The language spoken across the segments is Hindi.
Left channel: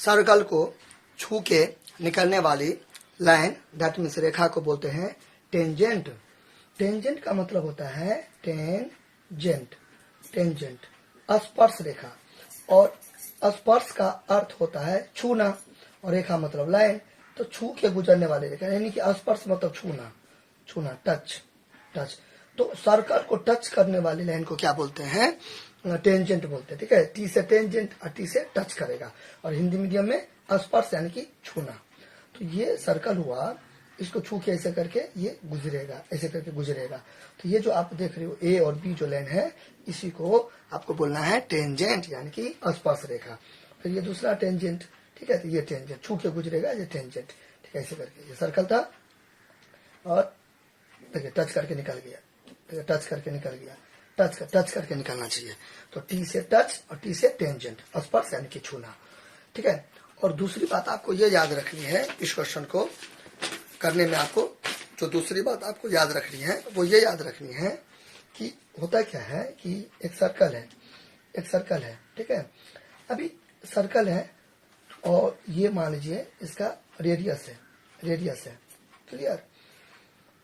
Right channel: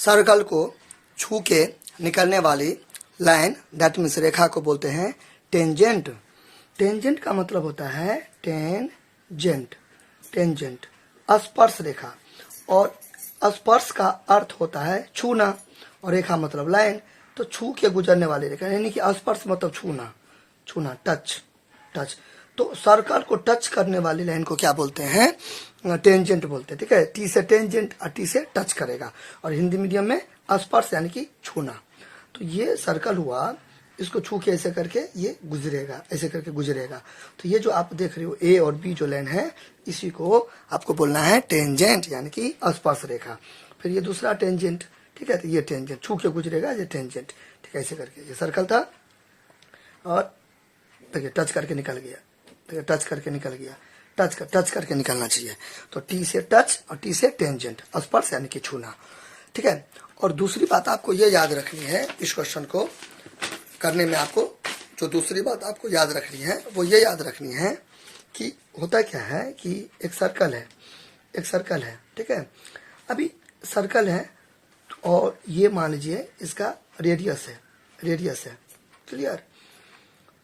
सर्कल को छू के निकलने वाली लाइन दैट मीन्स रेखा को बोलते हैं टेंजेंट। टेंजेंट का मतलब होता है टेंजेंट, टेंजेंट स्पर्श रेखा, और स्पर्श का अर्थ होता है छूना और रेखा मतलब लाइन। तो छू के गुजरने वाली रेखा, यानी कि स्पर्श मतलब छूना, छूना टच, टच। तो सर्कल को टच करने वाली लाइन को क्या बोलते हैं? टेंजेंट बोलते हैं। ठीक है, टी से टेंजेंट और टी से टच करेगा, और हिंदी मीडियम में स्पर्श यानी कि छूना। तो ये सर्कल हुआ, इसको छू के ऐसे करके ये गुजरेगा, ऐसे करके गुजरेगा। तो ये जो आप देख रहे हो ए और बी जो लाइन है, इसी को आपको बोलना है टेंजेंट यानी कि स्पर्श रेखा। फिर ये दूसरा टेंजेंट, ठीक है, तो ये टेंजेंट छू के गुजरेगा, ये टेंजेंट। ठीक है, ऐसे करके ये सर्कल था, और देखिए टच करके निकल गया, देखिए टच करके निकल गया, टच करके निकलना चाहिए। तो टी से टच और टी से टेंजेंट, स्पर्श यानी कि छूना। ठीक है, और दूसरी बात आपको ये याद रखनी है, इस क्वेश्चन को करने में आपको जो दूसरी बात आपको याद रखनी है वो ये याद रखनी है कि होता क्या है कि एक सर्कल है, एक सर्कल है, ठीक है। अभी सर्कल है और ये मान लीजिए इसका रेडियस है, रेडियस है, क्लियर।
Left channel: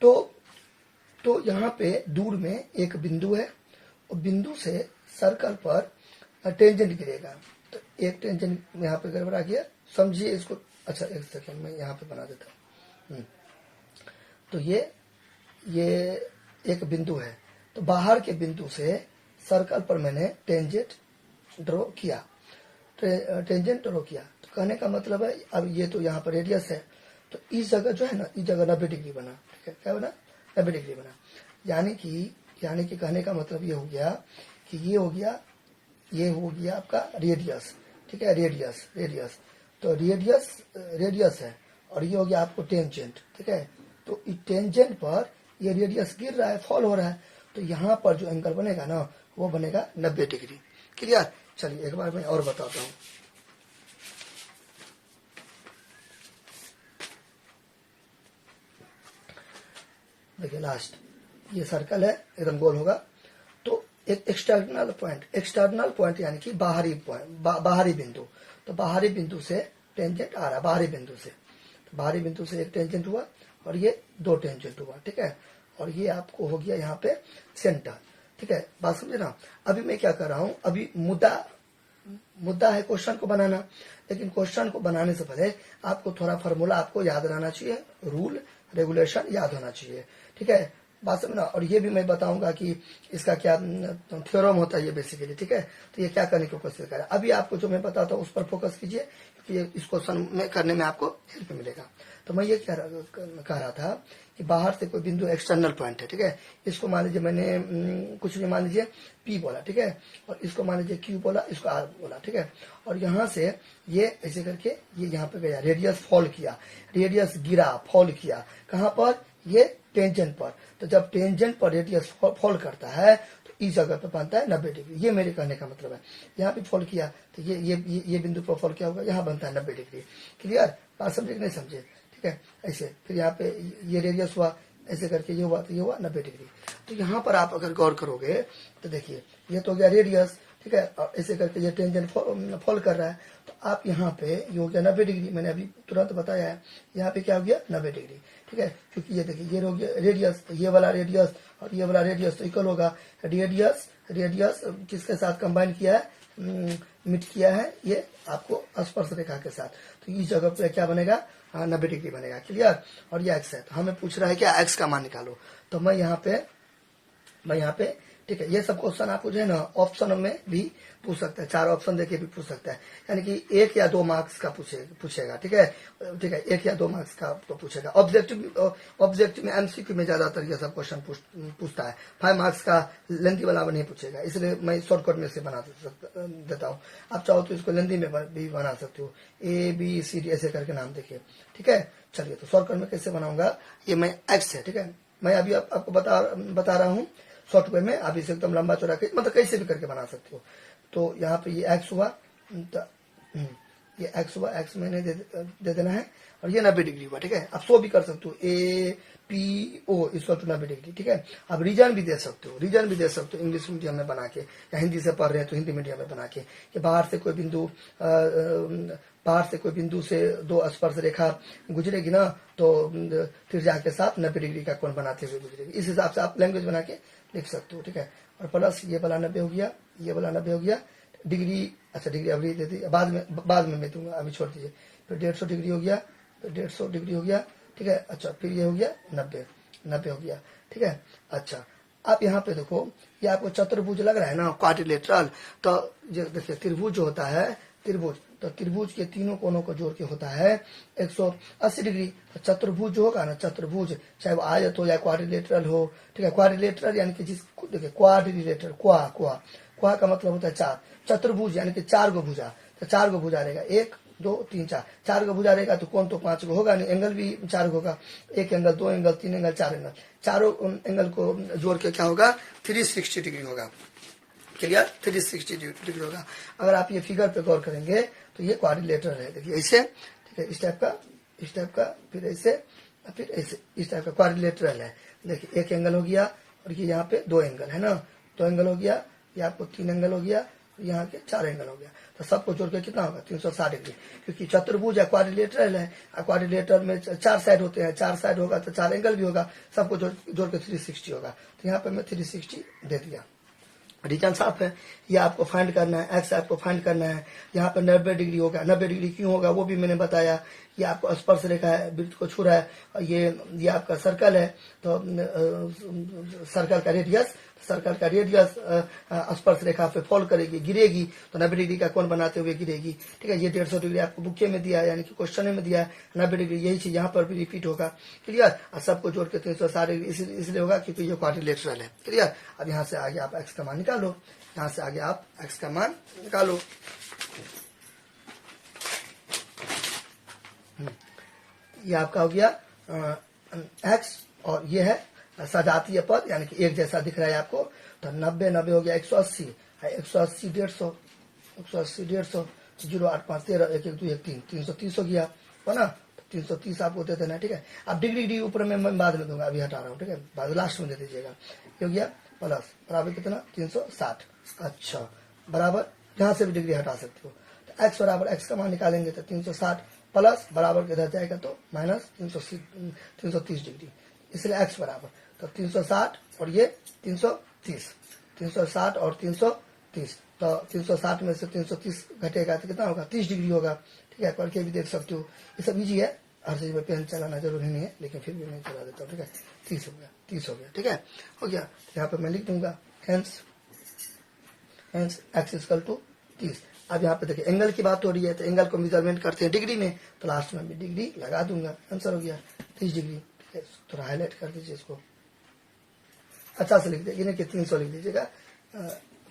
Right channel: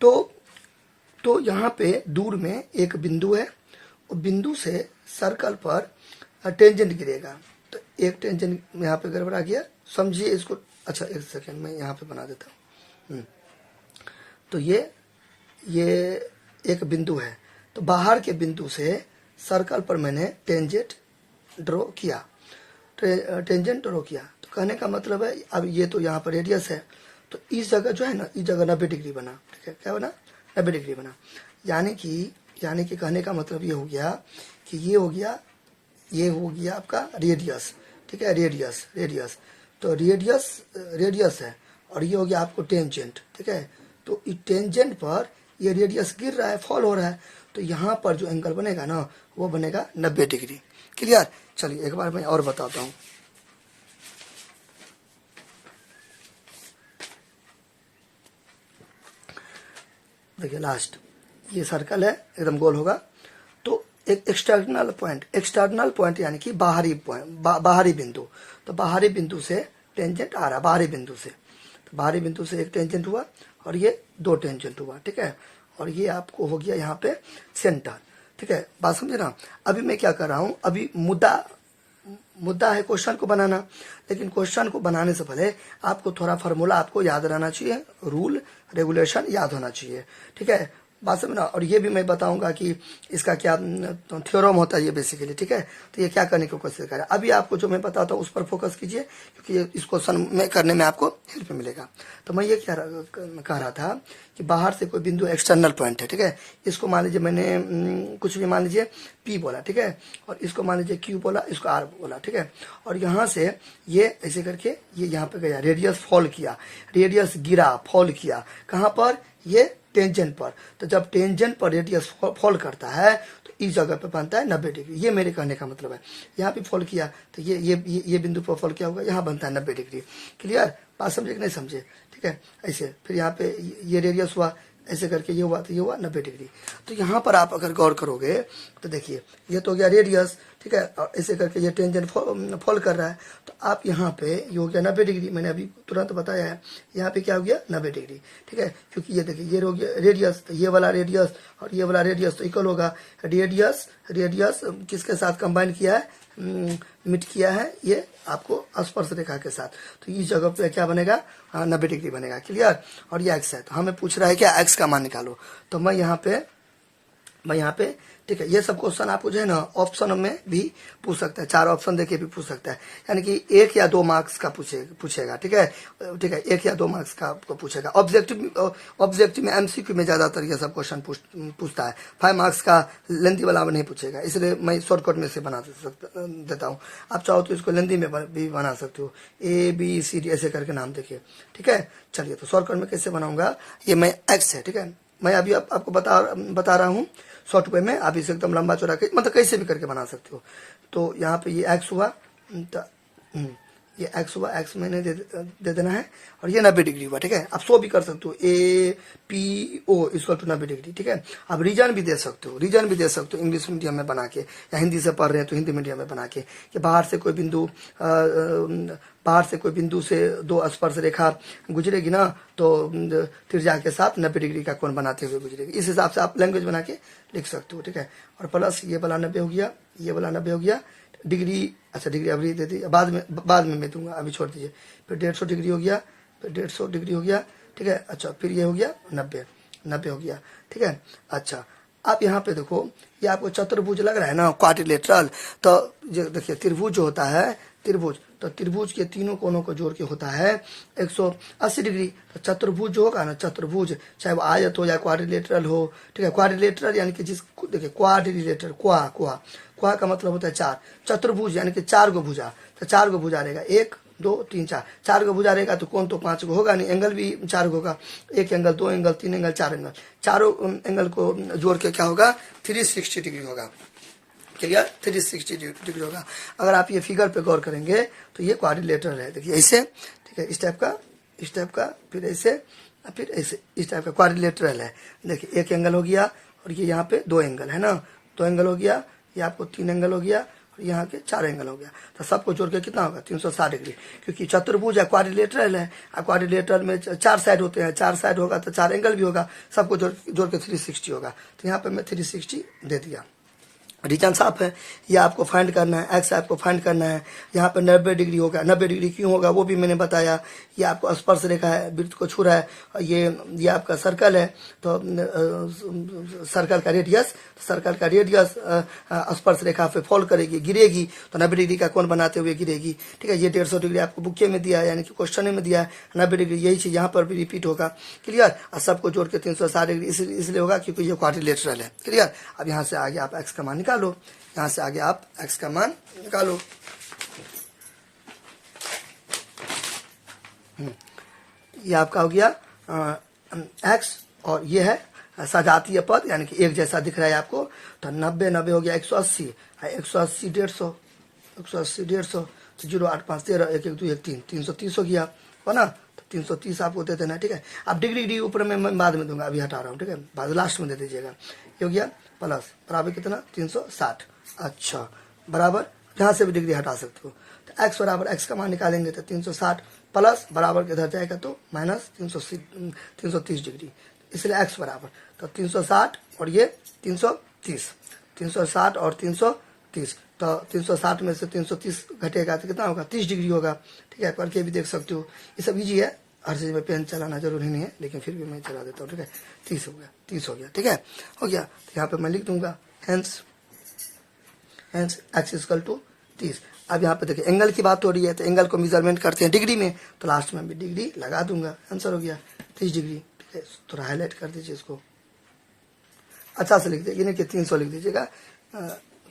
तो यहाँ पे दूर में एक बिंदु है, और बिंदु से सर्कल पर टेंजेंट गिरेगा। तो एक टेंजेंट यहाँ पे गड़बड़ा गया, समझिए इसको। अच्छा एक सेकेंड में यहाँ पे बना देता हूँ। तो ये एक बिंदु है, तो बाहर के बिंदु से सर्कल पर मैंने टेंजेंट ड्रॉ किया, टेंजेंट ड्रॉ किया। तो कहने का मतलब है, अब ये तो यहाँ पर रेडियस है, तो इस जगह जो है ना, इस जगह 90 डिग्री बना। ठीक है, क्या बना? 90 डिग्री बना। यानी कि कहने का मतलब ये हो गया कि ये हो गया आपका रेडियस। ठीक है, रेडियस। तो रेडियस है, और ये हो गया आपको टेंजेंट। ठीक है, तो इस टेंजेंट पर ये रेडियस गिर रहा है, फॉल हो रहा है, तो यहाँ पर जो एंगल बनेगा ना, वो बनेगा 90 डिग्री। क्लियर? चलिए एक बार मैं और बताता हूँ। देखिए लास्ट, ये सर्कल है, एकदम गोल होगा। तो एक एक्सटर्नल पॉइंट यानी कि बाहरी पॉइंट, बाहरी बिंदु। तो बाहरी बिंदु से टेंजेंट आ रहा, बाहरी बिंदु से, तो बाहरी बिंदु से एक टेंजेंट हुआ, और ये 2 टेंजेंट हुआ। ठीक है, और ये आपको हो गया यहाँ पे सेंटर। ठीक है, बात समझे ना। अभी मैं क्या कर रहा हूँ, अभी मुद्दा है क्वेश्चन को बनाना, लेकिन क्वेश्चन को बनाने से पहले आपको थोड़ा फार्मूला आपको याद रहना चाहिए, रूल रेगुलेशन याद होना चाहिए। ठीक है, बात समझना। और ये भी मैं बताऊंगा कि इसका क्या थ्योरम होता है ये बेसिकली। ठीक है, तो ये क्या करने की कोशिश करें। अभी आपको जो मैं बताता हूँ उस पर फोकस कीजिए, क्योंकि इस क्वेश्चन में करने में आपको हेल्प मिलेगा। तो मैं ये कह रहा था कि बाहर से कोई बिंदु एक्सटर्नल पॉइंट है। ठीक है, इसको मान लीजिए मैंने कुछ भी मान लीजिए P बोला। ठीक है, और इसको मान लीजिए Q बोला, इसको R बोला। ठीक है, और यहाँ से ये ऐसे करके ये यहाँ पे गया, रेडियस फॉल किया, रेडियस गिरा, फॉल किया। कहाँ पर? ये टेंजेंट पर। तो जब टेंजेंट पर रेडियस फॉल करता है तो इस जगह पे बनता है 90 डिग्री। ये मेरे कहने का मतलब है। यहाँ पे फॉल किया तो ये बिंदु पर फॉल किया होगा, यहाँ बनता है 90 डिग्री। क्लियर? बात समझे कि नहीं समझे? ठीक है, ऐसे फिर यहाँ पे ये रेडियस हुआ, ऐसे करके ये हुआ, तो ये हुआ 90 डिग्री। तो यहाँ पर आप अगर गौर करोगे तो देखिए ये तो हो गया रेडियस। ठीक है, और ऐसे करके ये टेंजेंट फॉल कर रहा है, तो आप यहाँ पे ये हो गया 90 डिग्री। मैंने अभी तुरंत बताया है, यहाँ पे क्या हो गया? 90 डिग्री। ठीक है, क्योंकि ये देखिए ये हो गया रेडियस, तो ये वाला रेडियस और ये वाला रेडियस तो इक्वल होगा। रेडियस किसके साथ कंबाइन किया है? मिट किया है ये आपको स्पर्श रेखा के साथ। तो इस जगह पे क्या बनेगा? 90 डिग्री बनेगा। क्लियर? और ये एक्स है, तो हमें पूछ रहा है क्या? एक्स का मान निकालो। तो मैं यहाँ पे ठीक है, ये सब क्वेश्चन आप जो है ना ऑप्शन में भी पूछ सकते हैं, 4 ऑप्शन देके भी पूछ सकता है, यानी कि 1 या 2 मार्क्स का पूछेगा। ठीक है, 1 या 2 मार्क्स का आपको पूछेगा। ऑब्जेक्टिव में एमसीक्यू में ज्यादातर ये सब क्वेश्चन पूछता है। 5 मार्क्स का लेंथी वाला नहीं पूछेगा, इसलिए मैं शॉर्टकट में से बना देता हूँ। आप चाहो तो इसको लेंथी में भी बना सकते हो, ABCD ऐसे करके नाम देखिए। ठीक है, चलिए तो शॉर्टकट में कैसे बनाऊंगा, ये मैं एक्स है। ठीक है, मैं अभी आपको बता रहा हूँ शॉर्ट वे में। आप इसे एकदम लंबा चौड़ा के मतलब कैसे भी करके बना सकते हो। तो यहाँ पे ये एक्स हुआ, ये एक्स हुआ, एक्स मैंने दे देना है, और ये 90 डिग्री हुआ, ठीक है। आप 100 भी कर सकते हो, APO इक्वल टू 90 डिग्री, ठीक है। आप रीजन भी दे सकते हो, रीजन भी दे सकते हो इंग्लिश मीडियम में बना के, या हिंदी से पढ़ रहे हैं तो हिंदी मीडियम में बना के, कि बाहर से कोई बिंदु से दो स्पर्श रेखा गुजरेगी ना, तो त्रिज्या के साथ 90 डिग्री का कोण बनाते हुए गुजरेगी। इस हिसाब से आप लैंग्वेज बना के लिख सकते हो, ठीक है। और प्लस ये वाला 90 हो गया, ये वाला 90 हो गया, डिग्री, अच्छा डिग्री अभी दे दी, बाद में मैं दूंगा, अभी छोड़ दीजिए। फिर 150 डिग्री हो गया, फिर 150 डिग्री हो गया, ठीक है। अच्छा फिर ये हो गया 90 हो गया, ठीक है। अच्छा आप यहाँ पे देखो, ये आपको चतुर्भुज लग रहा है ना, क्वाड्रिलेटरल, तो देखिए त्रिभुज जो होता है, त्रिभुज, तो त्रिभुज के तीनों कोनों को जोड़ के होता है 180 डिग्री। तो चतुर्भुज जो होगा ना, चतुर्भुज चाहे वो आयत हो या क्वाड्रिलेटरल हो, ठीक है। क्वाड्रिलेटरल यानी कि देखिए क्वाड्रिलेटरल, क्वा का मतलब होता है 4, चतुर्भुज यानी कि 4 गो भुजा, तो 4 गो भुजा रहेगा, 1 2 3 4, 4 गो भुजा रहेगा तो कोण तो 5 गो होगा नहीं, एंगल भी 4 गो होगा, 1 एंगल 2 एंगल 3 एंगल 4 एंगल, चारों एंगल को जोड़ के क्या होगा 360 डिग्री होगा, क्लियर, 360 डिग्री होगा। अगर आप ये फिगर पे गौर करेंगे तो ये क्वाड्रिलेटरल है, देखिए ऐसे, ठीक है, इस टाइप का, फिर ऐसे, फिर ऐसे, इस टाइप का क्वाड्रिलेटरल है। देखिए एक एंगल हो गया, और ये यहाँ पे 2 एंगल है ना, 2 एंगल हो गया, ये आपको 3 एंगल हो गया, और यहाँ के 4 एंगल हो गया, तो सबको जोड़ के कितना होगा 360 डिग्री, क्योंकि चतुर्भुज है, क्वाड्रिलेटरल है, और क्वाड्रिलेटरल में 4 साइड होते हैं, 4 साइड होगा तो 4 एंगल भी होगा, सबको जोड़ के 360 होगा। तो यहाँ पे मैं 360 दे दिया। रीजन साफ है, ये आपको फाइंड करना है, एक्स आपको फाइंड करना है। यहाँ पर 90 डिग्री होगा, 90 डिग्री क्यों होगा वो भी मैंने बताया। ये आपको स्पर्श रेखा है, वृत्त को छू रहा है, और ये आपका सर्कल है, तो सर्कल का रेडियस स्पर्श रेखा पे फॉल करेगी, गिरेगी, तो 90 डिग्री का कोण बनाते हुए गिरेगी, ठीक है। ये 150 डिग्री आपको बुके में दिया है, यानी कि क्वेश्चन में दिया है, 90 डिग्री यही चीज यहाँ पर भी रिपीट होगा, क्लियर। और सबको जोड़ के 360 डिग्री इसलिए होगा क्योंकि ये क्वाड्रिलेटरल है, क्लियर। अब यहाँ से आगे आप एक्स का मान निकालो, यहाँ से आगे आप एक्स का मान निकालो। ये आपका हो गया एक्स, और ये है सजातीय पद, यानी कि एक जैसा दिख रहा है आपको, तो 90 हो गया 180, 180 150, 180 150, 0 8 5 13, 1 1 2 1 3, 330 हो गया, हो ना। तो 330 आपको दे देना, ठीक है। अब डिग्री ऊपर में मैं बाद में दूंगा, अभी हटा रहा हूँ, ठीक है, बाद लास्ट में दे दीजिएगा। ये हो गया प्लस बराबर कितना 360, अच्छा बराबर, जहां से भी डिग्री हटा सकते हो, तो एक्स बराबर एक्स का मान निकालेंगे तो 360 प्लस बराबर इधर जाएगा तो माइनस 330 डिग्री, इसलिए एक्स बराबर तो 360 और ये 330, 360 और 330, तो 360 में से 330 घटेगा तो कितना होगा 30 डिग्री होगा, ठीक है। करके भी देख सकते हो, ये सब इजी है, हर चीज में पेन चलाना जरूरी नहीं है, लेकिन फिर भी मैं चला देता हूँ, ठीक है। 30 हो गया, ठीक है, हो गया। तो यहाँ पे मैं लिख दूंगा हेंस एक्स इक्वल टू 30। अब यहाँ पे देखिए एंगल की बात हो रही है, तो एंगल को मेजरमेंट करते हैं डिग्री में, तो लास्ट में भी डिग्री लगा दूंगा, आंसर हो गया 30 डिग्री, ठीक है। थोड़ा हाईलाइट कर दीजिए इसको, अच्छा से लिख दीजिए, यानी कि 300 लिख दीजिएगा,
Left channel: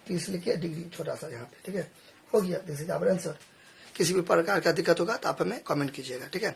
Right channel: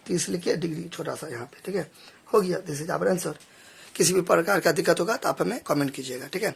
30 लिखिए, डिग्री छोटा सा यहाँ पे, ठीक है, हो गया। This is our answer. किसी भी प्रकार का दिक्कत होगा तो आप हमें कमेंट कीजिएगा, ठीक है।